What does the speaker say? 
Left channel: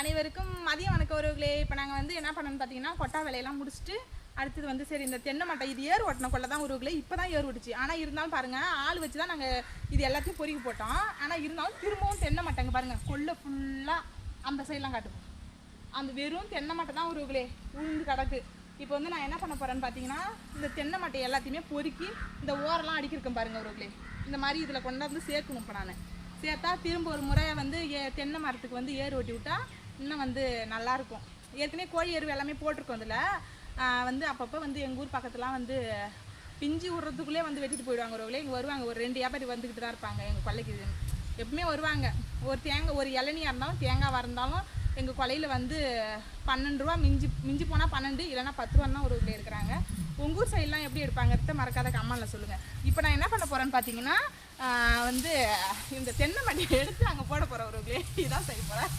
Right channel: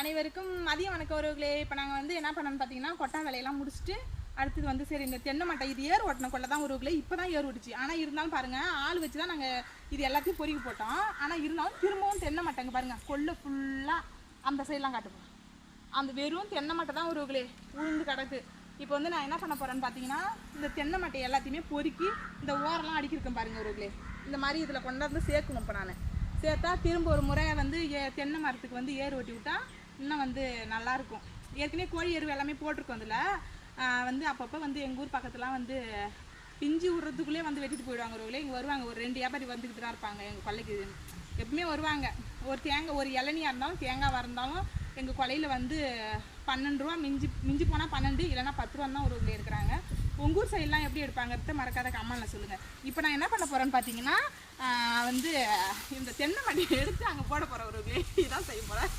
அனைவருக்கும் மதியம் வணக்கம் உறவுகளே. இப்போ நாங்கள் வந்து என்ன பண்ணோம்னு பார்த்தீங்கன்னா கொட்டா வேலையெல்லாம் முடிச்சுட்டு அடுத்தது வந்து சரி இந்த தென்னை மட்டை இது ஏர் ஓட்டின கொள்ள தான் உறவுகளே. இப்போ தான் ஏர் ஓட்டுச்சு. ஆனால் இருந்தாலும் பாருங்கள் ஆள் வச்சு தான் நாங்கள் இது எல்லாத்தையும் பொறுக்கி போட்டோம். ஆனால் இருந்தாலும் திரும்பவும் தென்னை மட்டைங்க பாருங்கள் கொள்ளை ஃபுல்லாக அந்த சைடெலாம் காட்டுப்போம். அந்த வெறும் தென்னை மட்டை தான் உறவுகளே உளுந்து கிடக்கு. இப்போ வந்து நான் என்ன பண்ண போகிறேன்னு பார்த்தீங்கன்னா இந்த தென்னை மட்டை எல்லாத்தையுமே பொறுக்கி இந்த ஓரெல்லாம் அடிக்கிருக்கேன் பாருங்கள் உறவுகளே. இந்த மாதிரி இதில் கொண்டாந்து சேர்க்கணும். இப்போ நான் சேர்த்தா திரும்ப ஒரு முறை வந்து தென்னை மரத்துக்கு வந்து ஏர் ஓட்டி விட்டால் இன்னும் வந்து நல்லாயிருக்கும். ஏற்கனவே கோழி எருவு எல்லாமே போட்டிருக்கோம். அதில் வந்து அப்பப்போ வந்து எங்கள் ஊர் பக்கத்துலாம் வந்து பிஞ்சு விட்றதுக்குள்ளே வந்து வெட்டிட்டு போயிடுவாங்க உறவுகளே. இங்கே வருவாங்க ஒரு 2 வியாபாரி வந்துக்கிட்டு தான் இருப்பாங்க எங்கள் கொல்லைக்கு. எப்பவுமே வருவாங்க. ஒரு தேங்காய் ஒரு இளநியாக இருந்தாலும் தேங்காய் இருந்தாலும் எங்கள் கொலையில் வந்து 12 ரூபா மிஞ்சி போனால் 12 இல்லைனா 10 ரூபா தான் உறவுகளே இருக்கிறாங்க. உங்கள் ஊர் சைட்லாம் எப்படி எடுப்பாங்கிறத மறக்காத கமெண்ட்டில் சொல்லுங்கள். இப்போ நான் என்ன பண்ண போகிறேன்னு பார்த்தீங்கன்னா வந்து இந்த தென்னை மட்டையை எடுத்து அங்கே போட போகிறேன் உறவுகளே. இதுதான் செய்ய போகிறேன்.